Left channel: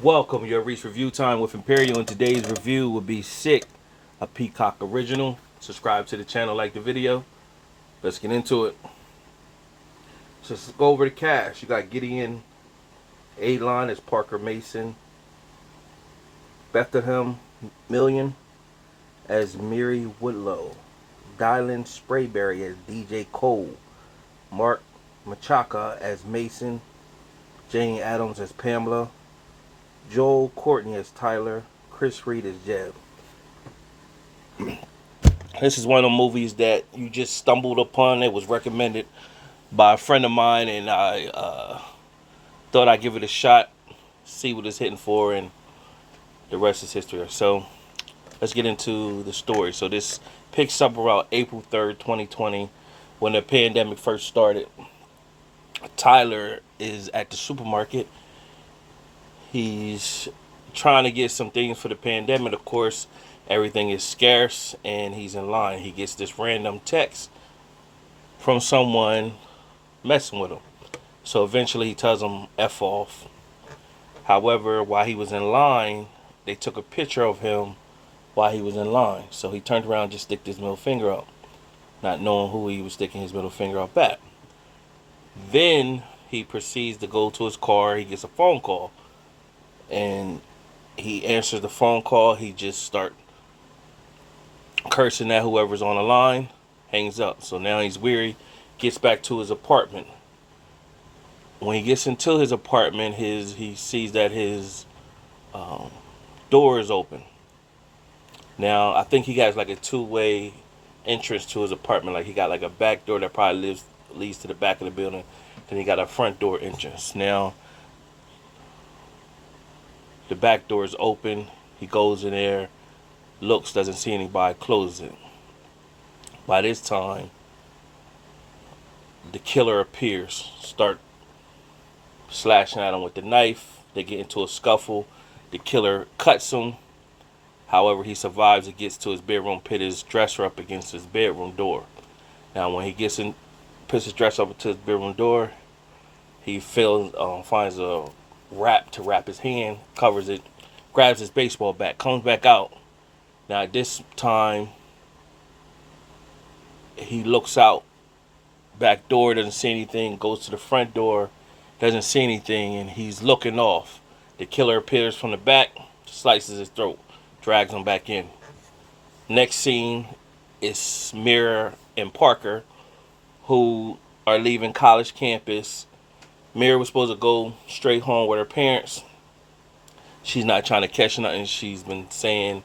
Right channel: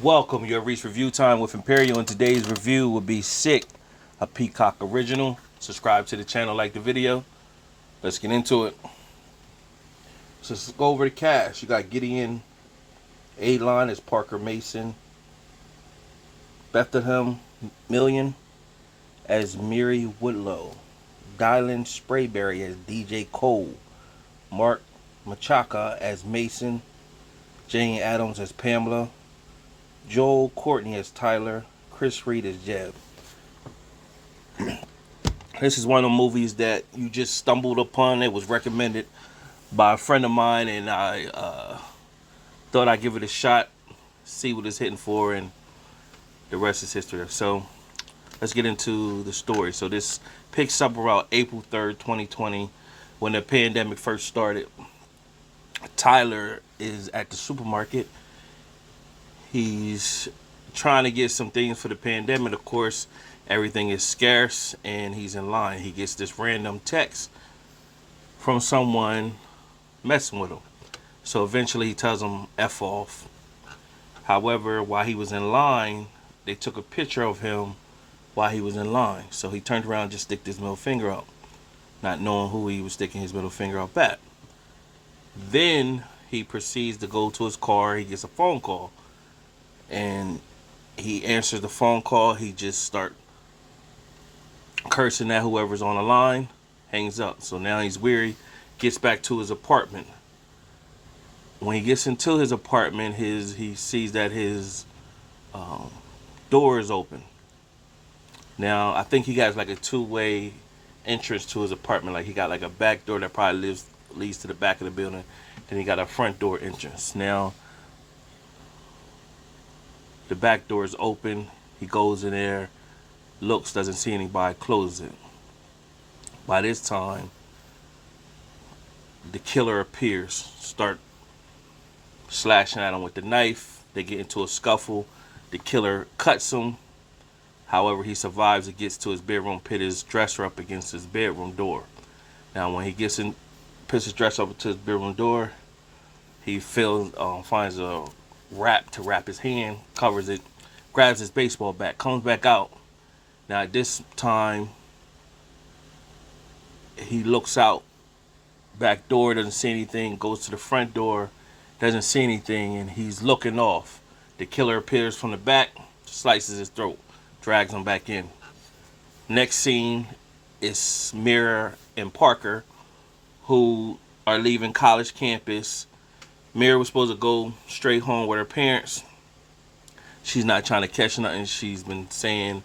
Welcome, your Reach Review Time with Imperial, and today's review will be Sick, a Peacock original. Subscribe to the channel, like the video. Let's get into it. So let's go over the cast. You got Gideon A-Line as Parker Mason, Bethlehem Million as Miri Woodlow, Dylan Sprayberry as DJ Cole, Mark Machaca as Mason, Jane Adams as Pamela, Joel Courtney as Tyler, Chris Reed as Jeb. This is one of the movies that you just stumbled upon. It was recommended by a friend of mine, and I thought I'd give it a shot, see what it's hitting for, and the rest is history. So let's get into the story. So this picks up around April 3rd, 2020, when the pandemic first started. Tyler is at the supermarket. He's trying to get some things for the pandemic. Of course, everything is scarce, and he's in line. He gets this random text from someone messing with him. So eventually he tells him F off. However, while he was in line, they took a picture of him while he was in line. So he turned around and just stick his middle finger up, not knowing who he was sticking his middle finger up at. Then he proceeds to go to his car. He gets a phone call, and he answers the phone call. He just start cursing at whoever's on the line, hangs up. So now he's weary, gets back to his apartment. When he gets into his apartment, he sees that his door is open. Now, I think he got like a two-way entrance to his apartment. Like he got like a back door that probably leads to the back of the building. Then he got a front door entrance. Now, the back door is open. He goes in there, looks, doesn't see anybody, closes it. By this time, the killer appears, start slashing at him with the knife. They get into a scuffle. The killer cuts him. However, he survives and gets to his bedroom, put his dresser up against his bedroom door. Now, when he gets in, puts his dresser up to his bedroom door, he finds a wrap to wrap his hand, covers it, grabs his baseball bat, comes back out. Now, at this time, he looks out, back door, doesn't see anything, goes to the front door, doesn't see anything, and he's looking off. The killer appears from the back, slices his throat, drags him back in. Next scene is Miri and Parker, who are leaving college campus. Miri was supposed to go straight home with her parents. She's not trying to catch nothing. She's been saying,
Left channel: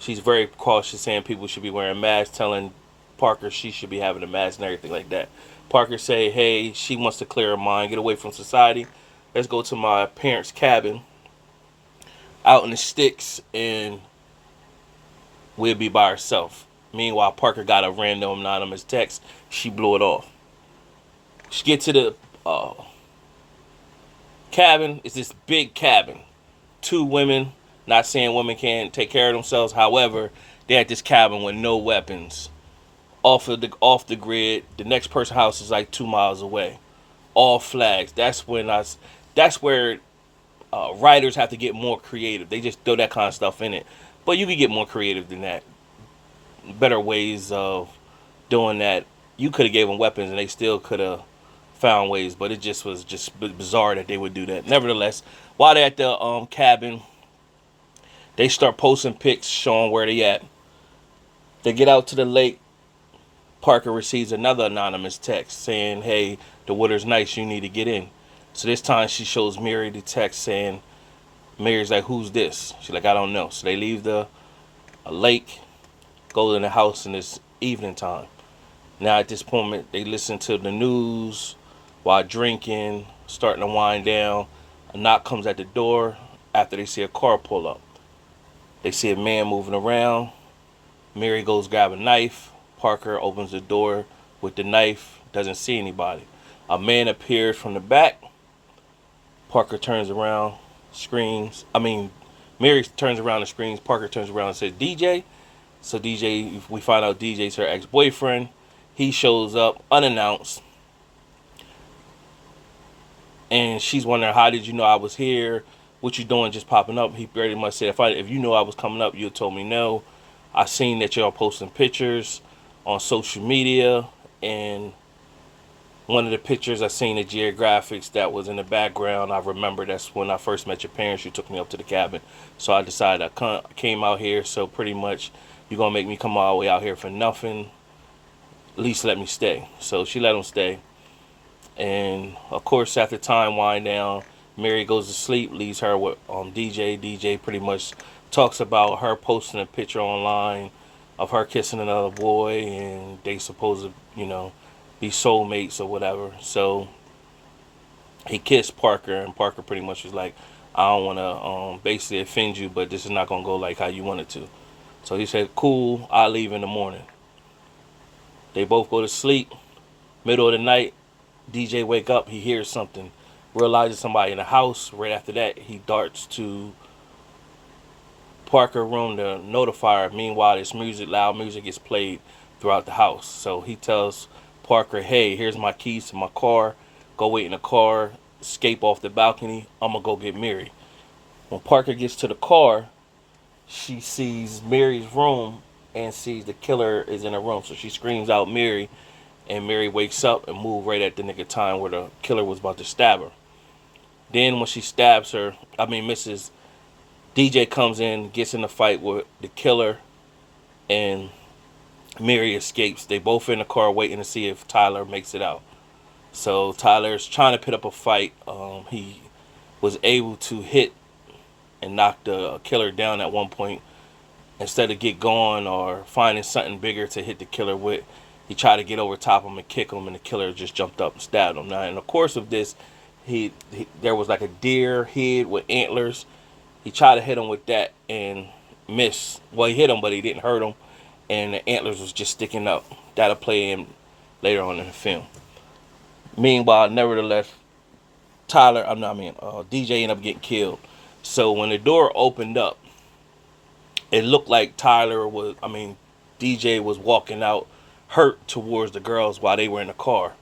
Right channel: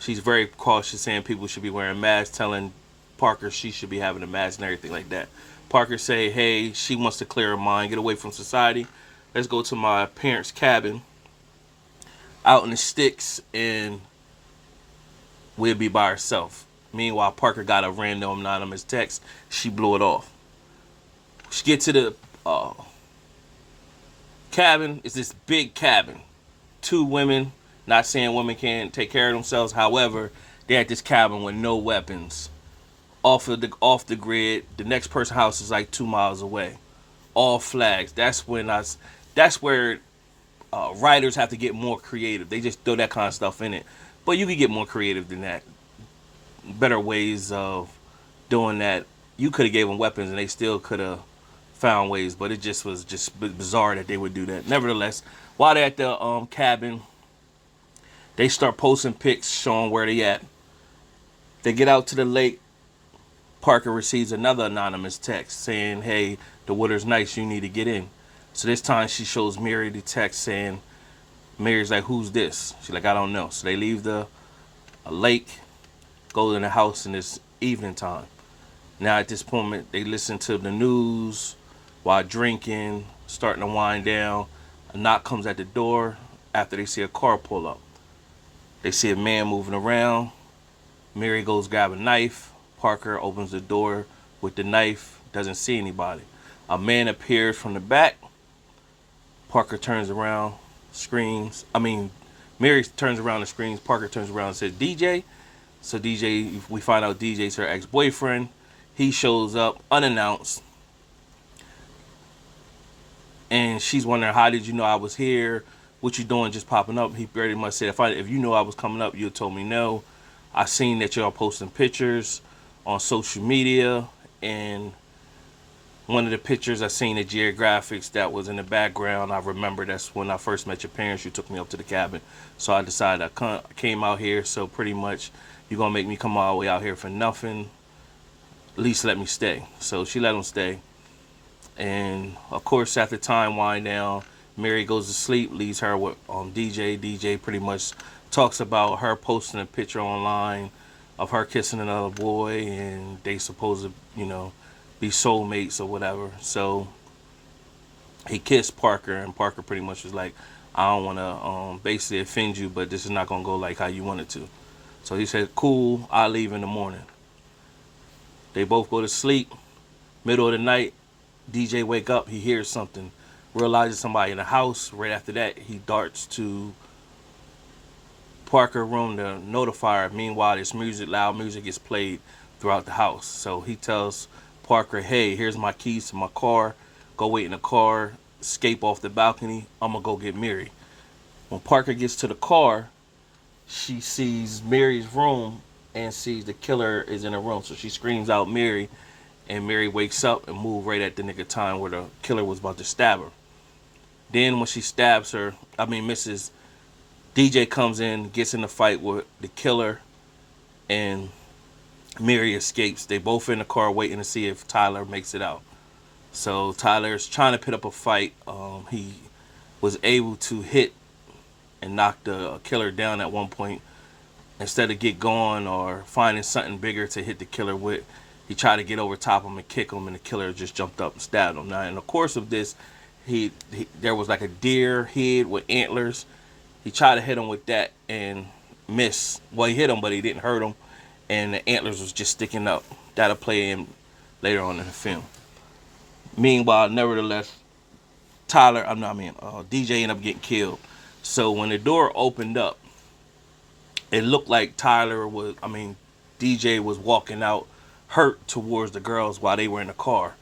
she's very cautious, saying people should be wearing masks, telling Parker she should be having a mask and everything like that. Parker say, hey, she wants to clear her mind, get away from society. Let's go to my parents' cabin out in the sticks, and we'll be by ourselves. Meanwhile, Parker got a random anonymous text. She blew it off. She gets to the cabin. It's this big cabin. Two women. Not saying women can't take care of themselves. However, they're at this cabin with no weapons. Off the grid. The next person's house is like 2 miles away. All flags. That's where writers have to get more creative. They just throw that kind of stuff in it. But you can get more creative than that. Better ways of doing that. You could have gave them weapons and they still could have found ways, but it just was just bizarre that they would do that. Nevertheless, while they're at the cabin, they start posting pics showing where they at. They get out to the lake. Parker receives another anonymous text saying, hey, the water's nice, you need to get in. So this time she shows Miri the text saying, Mary's like, who's this? She's like, I don't know. So they leave the lake, go in the house, and it's evening time. Now at this moment, they listen to the news while drinking, starting to wind down. A knock comes at the door after they see a car pull up. They see a man moving around. Miri goes grab a knife. Parker opens the door with the knife, doesn't see anybody. A man appears from the back. Parker turns around, screams. Miri turns around and screams. Parker turns around and says, DJ. So DJ, we find out DJ's her ex-boyfriend. He shows up unannounced. And she's wondering, how did you know I was here? what you doing just popping up? He pretty much said, if you knew I was coming up, you'd told me no. I seen that y'all posting pictures on social media, and one of the pictures I seen the geographics that was in the background. I remember that's when I first met your parents. You took me up to the cabin, so I decided I came out here. So pretty much, you're gonna make me come all the way out here for nothing. At least let me stay. So she let him stay, and of course, after time wind down, Mary goes to sleep, leaves her with DJ. DJ pretty much talks about her posting a picture online of her kissing another boy, and they supposed to, be soulmates or whatever. So he kissed Parker, and Parker pretty much was like, I don't want to basically offend you, but this is not going to go like how you want it to. So he said, cool, I'll leave in the morning. They both go to sleep. Middle of the night, DJ wake up, he hears something, realizes somebody in the house. Right after that, he darts to Parker room to notify her. Meanwhile, this loud music is played throughout the house. So he tells Parker, hey, here's my keys to my car. Go wait in the car, escape off the balcony. I'm going to go get Miri. When Parker gets to the car, she sees Mary's room and sees the killer is in her room. So she screams out Miri, and Mary wakes up and moves right at the nick of time where the killer was about to stab her. Then when she stabs her, Mrs. DJ comes in, gets in a fight with the killer, and Mary escapes. They both in the car waiting to see if Tyler makes it out. So Tyler's trying to put up a fight. He was able to hit and knock the killer down at one point. Instead of get going or finding something bigger to hit the killer with, he tried to get over top of him and kick him, and the killer just jumped up and stabbed him. Now, in the course of this, there was like a deer head with antlers. He tried to hit him with that and missed. Well, he hit him, but he didn't hurt him, and the antlers was just sticking up. That'll play in later on in the film. Meanwhile, nevertheless, DJ ended up getting killed. So when the door opened up, it looked like DJ was walking out hurt towards the girls while they were in the car.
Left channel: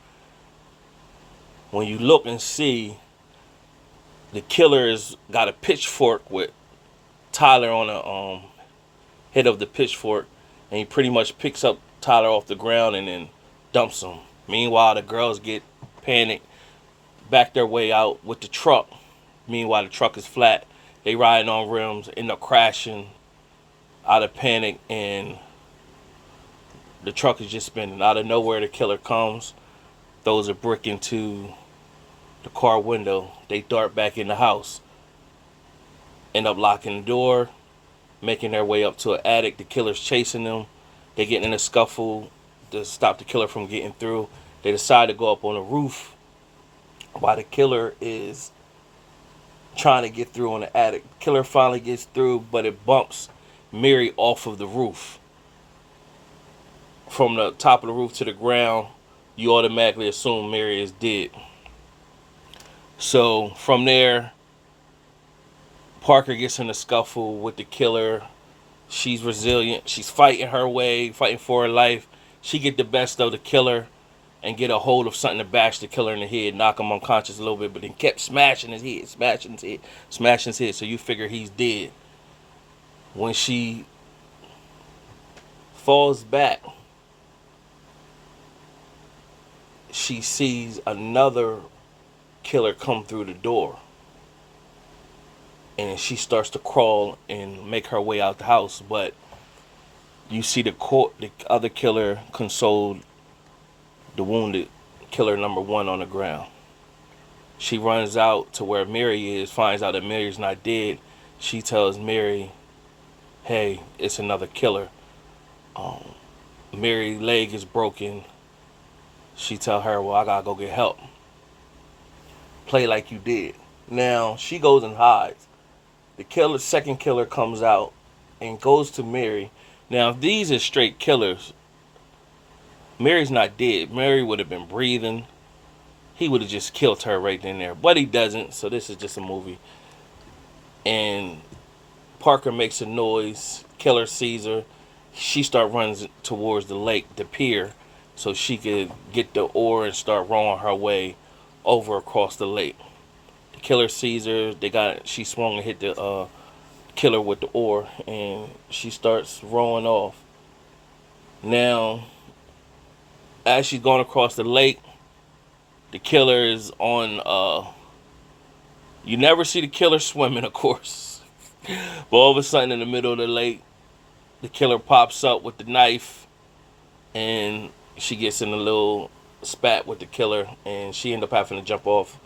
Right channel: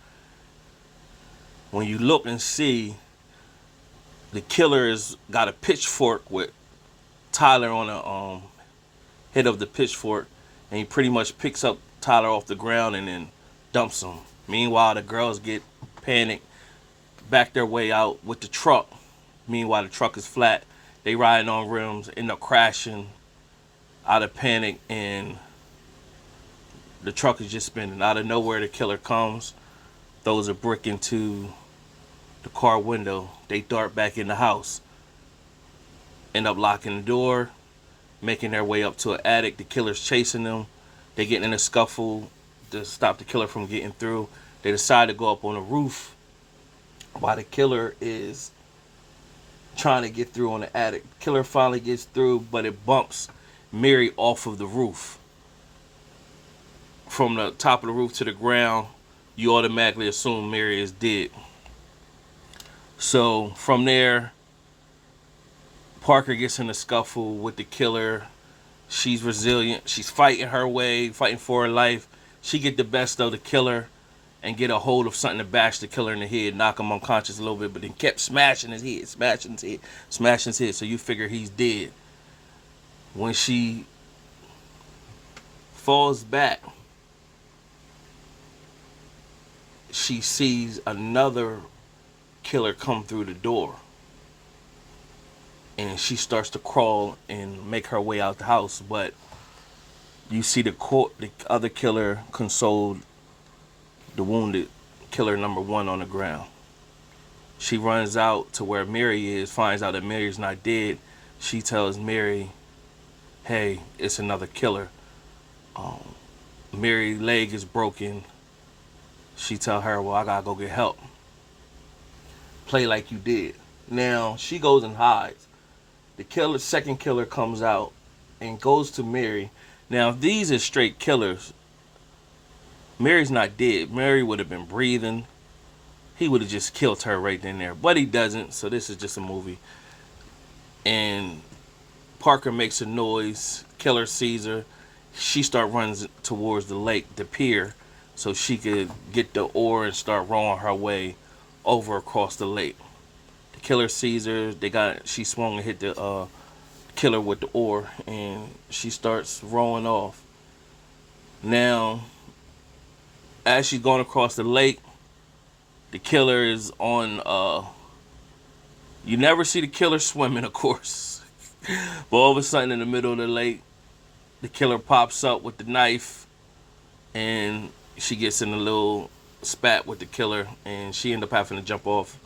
When you look and see, the killer's got a pitchfork with Tyler on the head of the pitchfork, and he pretty much picks up Tyler off the ground and then dumps him. Meanwhile, the girls get panicked, back their way out with the truck. Meanwhile, the truck is flat. They riding on rims, end up crashing out of panic, and the truck is just spinning. Out of nowhere, the killer comes, throws a brick into the car window. They dart back in the house, end up locking the door, making their way up to an attic. The killer's chasing them. They get in a scuffle to stop the killer from getting through. They decide to go up on the roof while the killer is trying to get through on the attic. The killer finally gets through, but it bumps Mary off of the roof. From the top of the roof to the ground, you automatically assume Mary is dead. So from there, Parker gets in a scuffle with the killer. She's resilient. She's fighting her way, fighting for her life. She get the best of the killer and get a hold of something to bash the killer in the head, knock him unconscious a little bit, but then kept smashing his head. So you figure he's dead. When she falls back, she sees another killer come through the door. And she starts to crawl and make her way out the house. But you see the other killer console the wounded killer number one on the ground. She runs out to where Mary is, finds out that Mary's not dead. She tells Mary, hey, it's another killer. Mary's leg is broken. She tell her, well, I gotta go get help. Play like you did. Now, she goes and hides. The second killer comes out and goes to Mary. Now, if these are straight killers, Mary's not dead. Mary would have been breathing. He would have just killed her right then and there. But he doesn't, so this is just a movie. And Parker makes a noise. Killer sees her. She runs towards the lake, the pier, so she could get the oar and start rowing her way over across the lake. The Killer sees her. She swung and hit the killer with the oar, and she starts rowing off. Now, as she's going across the lake, the killer is on. You never see the killer swimming, of course, but all of a sudden, in the middle of the lake, the killer pops up with the knife, and she gets in a little spat with the killer, and she ended up having to jump off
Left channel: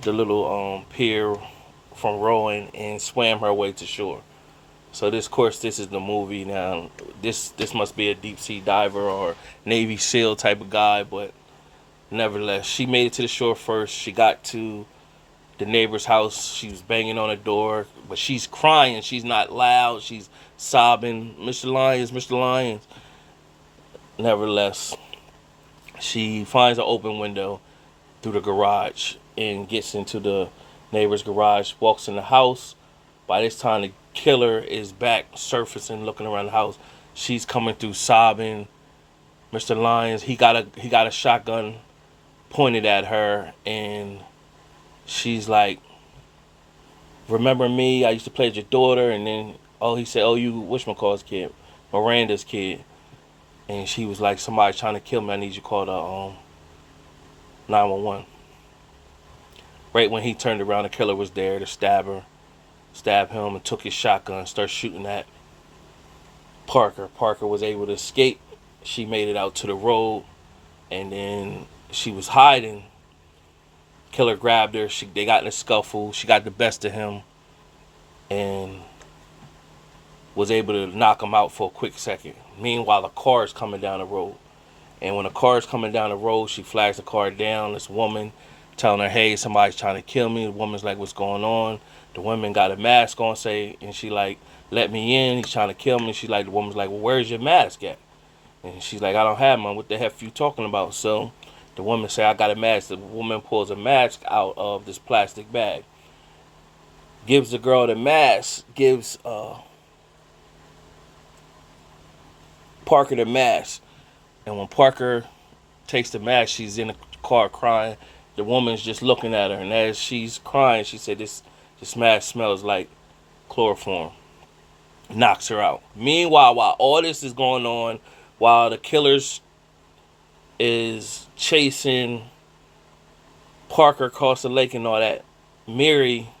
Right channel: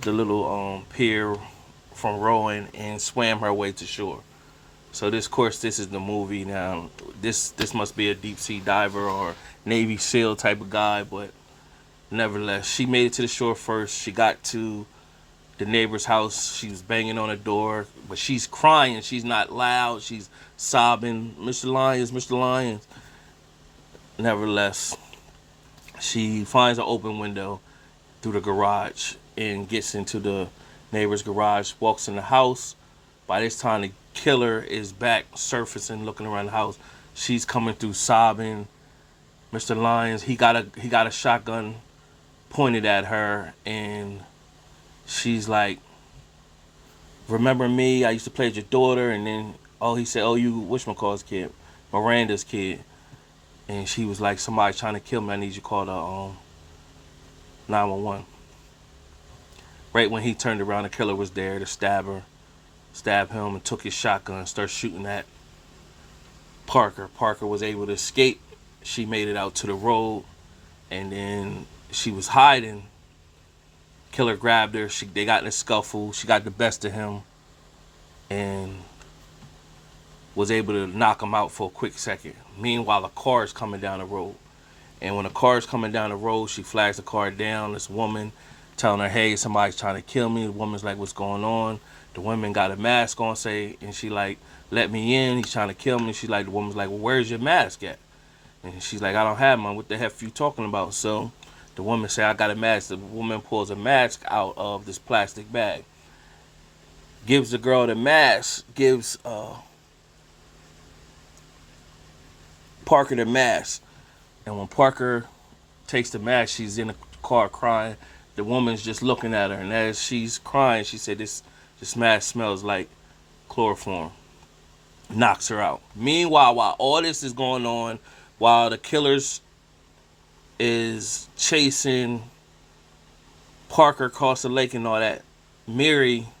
the little pier from rowing and swam her way to shore. So this, of course, this is the movie. Now, this must be a deep sea diver or Navy SEAL type of guy, but nevertheless, she made it to the shore first. She got to the neighbor's house. She was banging on the door, but she's crying. She's not loud. She's sobbing, "Mr. Lyons, Mr. Lyons." Nevertheless, she finds an open window through the garage and gets into the neighbor's garage, walks in the house. By this time, the killer is back surfacing, looking around the house. She's coming through sobbing. Mr. Lyons, he got a shotgun pointed at her, and she's like, "Remember me? I used to play with your daughter." And then, he said, "Oh, you whatchamacallit's kid, Miranda's kid." And she was like, "Somebody's trying to kill me. I need you to call the 911." Right when he turned around, the killer was there to stab him, and took his shotgun and started shooting at Parker. Parker was able to escape. She made it out to the road, and then she was hiding. Killer grabbed her. They got in a scuffle. She got the best of him and was able to knock him out for a quick second. Meanwhile, a car is coming down the road. And when the car is coming down the road, she flags the car down. This woman telling her, "Hey, somebody's trying to kill me." The woman's like, "What's going on?" The woman got a mask on, and she like, "Let me in. He's trying to kill me." The woman's like, "Well, where's your mask at?" And she's like, "I don't have one. What the heck are you talking about?" So the woman said, "I got a mask." The woman pulls a mask out of this plastic bag, gives the girl the mask, gives Parker the mask. And when Parker takes the mask, she's in the car crying. The woman's just looking at her, and as she's crying, she said, this mask smells like chloroform." Knocks her out. Meanwhile, while all this is going on, while the killers is chasing Parker across the lake and all that, Miri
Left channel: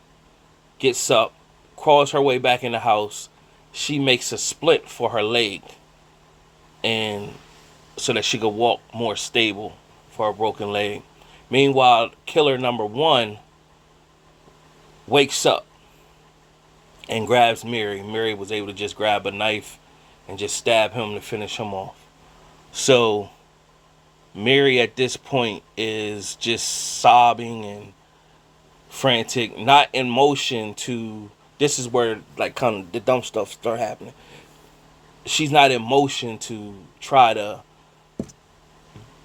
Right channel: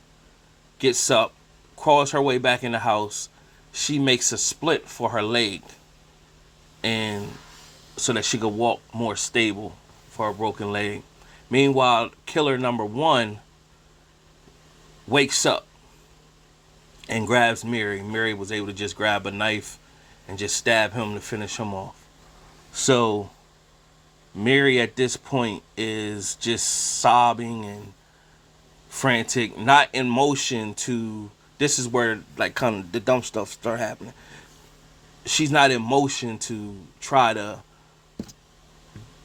gets up, crawls her way back in the house. She makes a splint for her leg, and so that she could walk more stable for her broken leg. Meanwhile, killer number one wakes up and grabs Miri. Miri was able to just grab a knife and just stab him to finish him off. So Miri at this point is just sobbing and frantic, not in motion to, this is where like kind of the dumb stuff start happening. She's not in motion to try to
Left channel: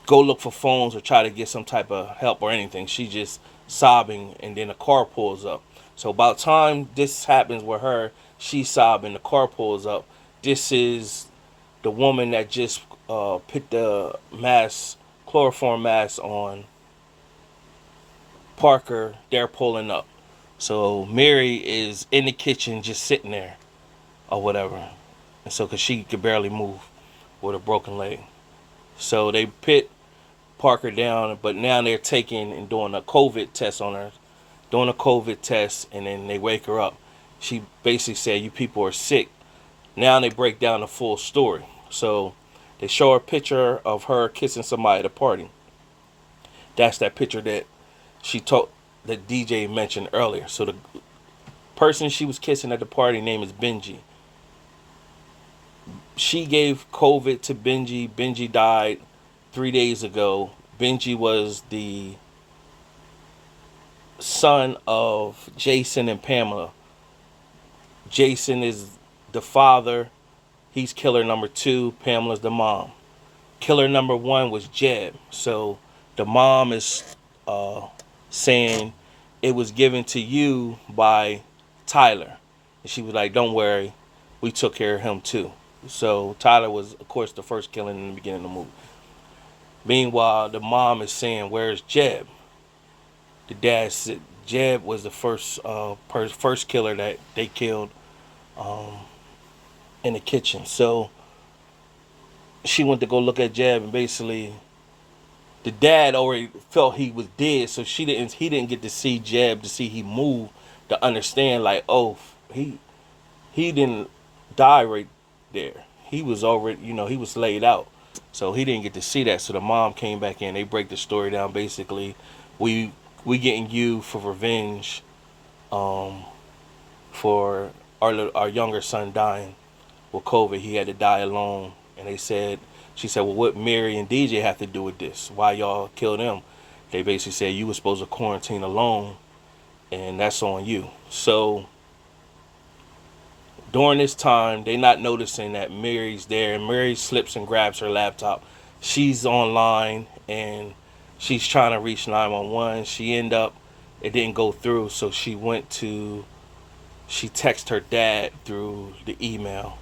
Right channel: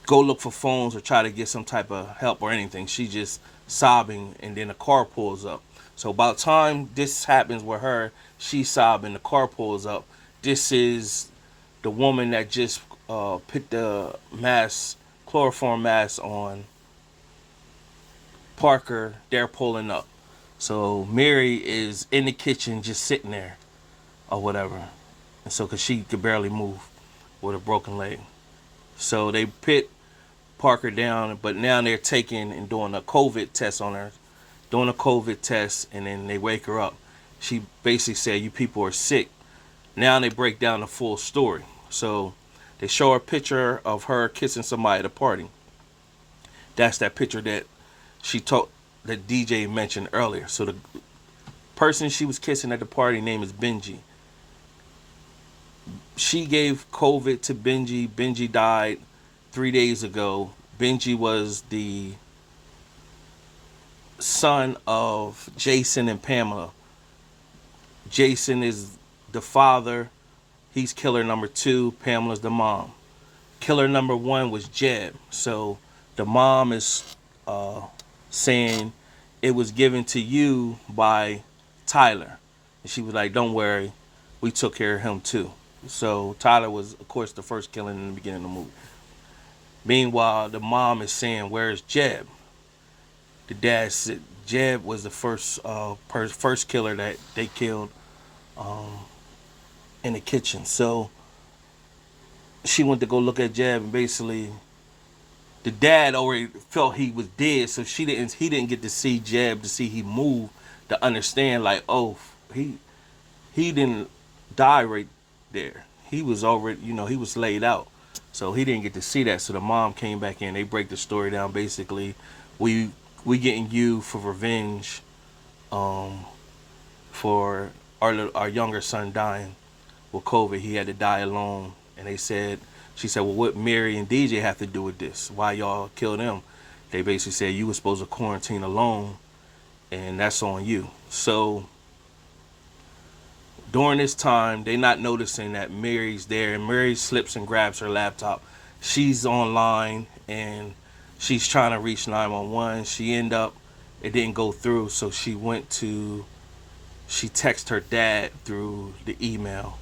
go look for phones or try to get some type of help or anything. She's just sobbing, and then a car pulls up. So by the time this happens with her, she's sobbing, the car pulls up. This is the woman that just put the chloroform mask on Parker. They're pulling up. So Miri is in the kitchen just sitting there or whatever. And so, because she could barely move with a broken leg. So they put Parker down, but now they're taking and doing a COVID test on her. Doing a COVID test, and then they wake her up. She basically said, "You people are sick." Now they break down the full story. So they show a picture of her kissing somebody at a party. That's that picture that that DJ mentioned earlier. So the person she was kissing at the party name is Benji. She gave COVID to Benji. Benji died 3 days ago. Benji was the son of Jason and Pamela. Jason is the father. He's killer number 2. Pamela's the mom. Killer number 1 was Jeb. So the mom is saying it was given to you by Tyler. And she was like, "Don't worry, we took care of him too." So Tyler was, of course, the first killing in the beginning of the movie. Meanwhile, the mom is saying, "Where's Jeb?" The dad said, Jeb was the first killer that they killed in the kitchen. So she went to go look at Jeb, and basically the dad already felt he was dead, so he didn't get to see Jeb, to see he moved, to understand like, oh, he didn't die right there. He was already, he was laid out. So he didn't get to see that. So the mom came back in. They break the story down. Basically, we getting you for revenge, for our younger son dying with COVID. He had to die alone. And she said, well, what Mary and DJ have to do with this? Why y'all killed him? They basically said you were supposed to quarantine alone, and that's on you. So during this time, they not noticing that Mary's there, and Mary slips and grabs her laptop. She's online and she's trying to reach 911. It didn't go through, so she texted her dad through the email.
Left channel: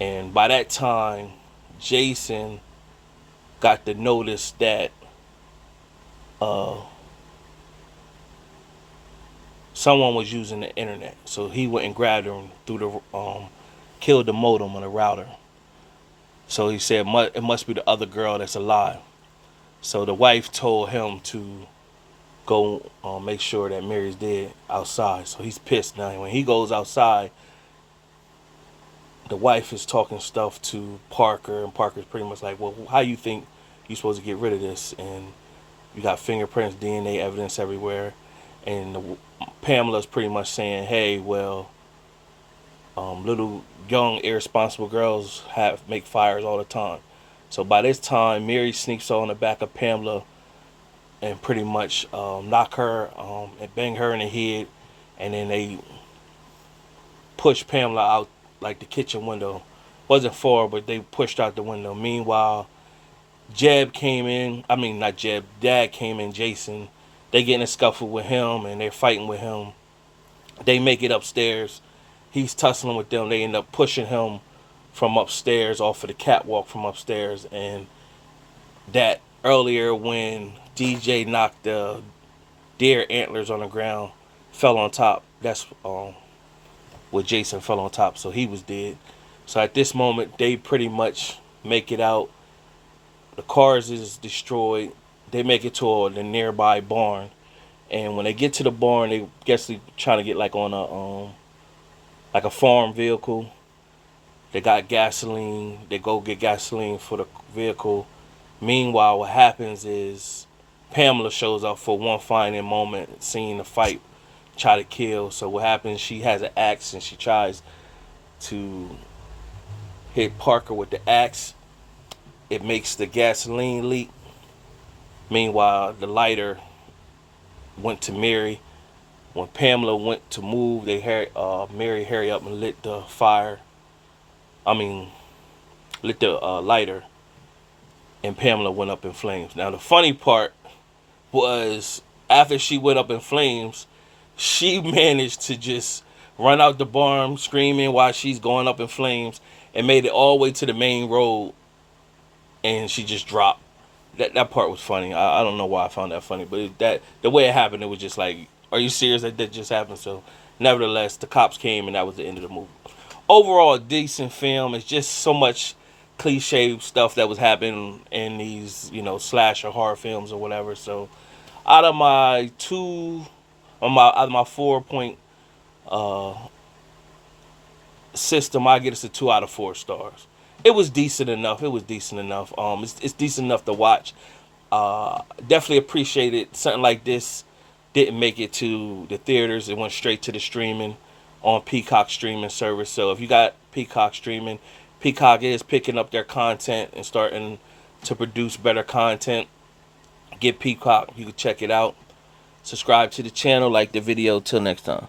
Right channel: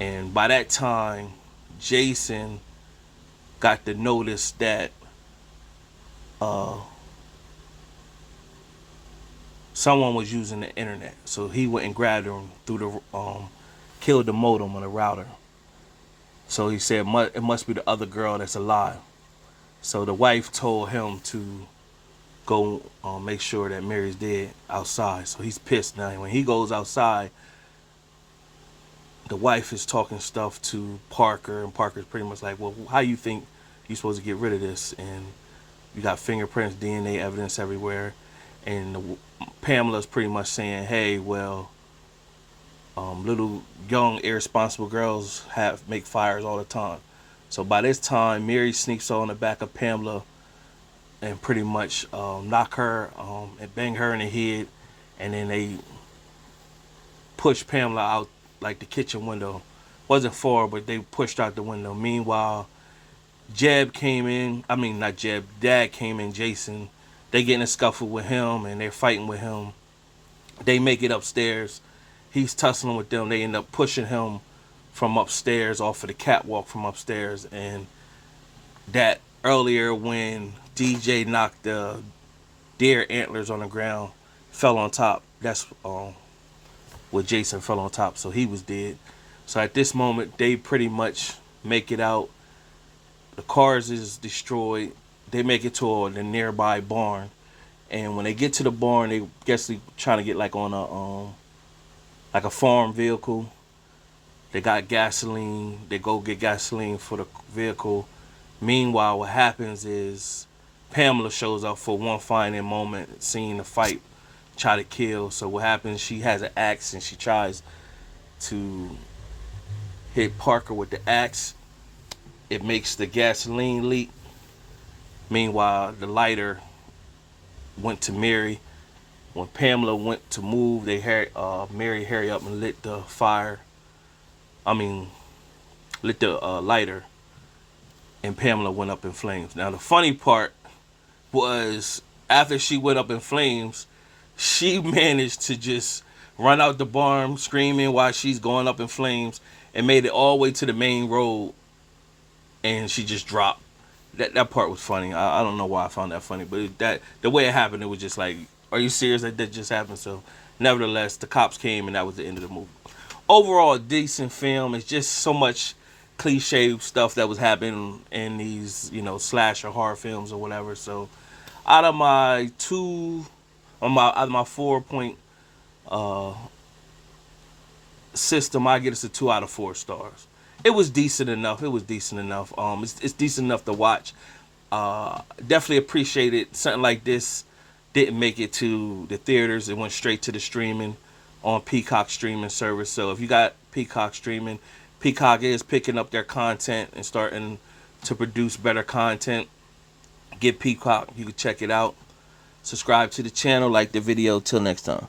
And by that time, Jason got the notice that someone was using the internet. So he went and grabbed her through killed the modem on the router. So he said it must be the other girl that's alive. So the wife told him to go make sure that Mary's dead outside. So he's pissed now. When he goes outside, the wife is talking stuff to Parker, and Parker's pretty much like, well, how you think you're supposed to get rid of this? And you got fingerprints, DNA evidence everywhere. And Pamela's pretty much saying, hey, well, little young irresponsible girls make fires all the time. So by this time, Mary sneaks on the back of Pamela and pretty much knock her and bang her in the head. And then they push Pamela out like the kitchen window. Wasn't far, but they pushed out the window. Meanwhile, Dad came in, Jason. They get in a scuffle with him and they're fighting with him. They make it upstairs. He's tussling with them. They end up pushing him from upstairs, off of the catwalk from upstairs. And that earlier when DJ knocked the deer antlers on the ground, fell on top. That's where Jason fell on top, so he was dead. So at this moment, they pretty much make it out. The cars is destroyed. They make it to the nearby barn, and when they get to the barn, they guess they trying to get like on a farm vehicle. They got gasoline. They go get gasoline for the vehicle. Meanwhile, what happens is Pamela shows up for one final moment, seeing the fight, try to kill. So what happens? She has an axe and she tries to hit Parker with the axe. It makes the gasoline leak. Meanwhile, the lighter went to Mary. When Pamela went to move, Mary hurry up and lit the lighter, and Pamela went up in flames. Now the funny part was, after she went up in flames, she managed to just run out the barn screaming while she's going up in flames, and made it all the way to the main road, and she just dropped. That part was funny. I don't know why I found that funny, but the way it happened, it was just like, are you serious that just happened? So nevertheless, the cops came and that was the end of the movie. Overall, a decent film. It's just so much cliche stuff that was happening in these, slasher horror films or whatever. So out of my 4-point system, I get us a 2 out of 4 stars. It was decent enough. It's decent enough to watch. Definitely appreciated something like this. Didn't make it to the theaters. It went straight to the streaming on Peacock streaming service. So if you got Peacock streaming, Peacock is picking up their content and starting to produce better content. Get Peacock. You can check it out. Subscribe to the channel. Like the video. Till next time.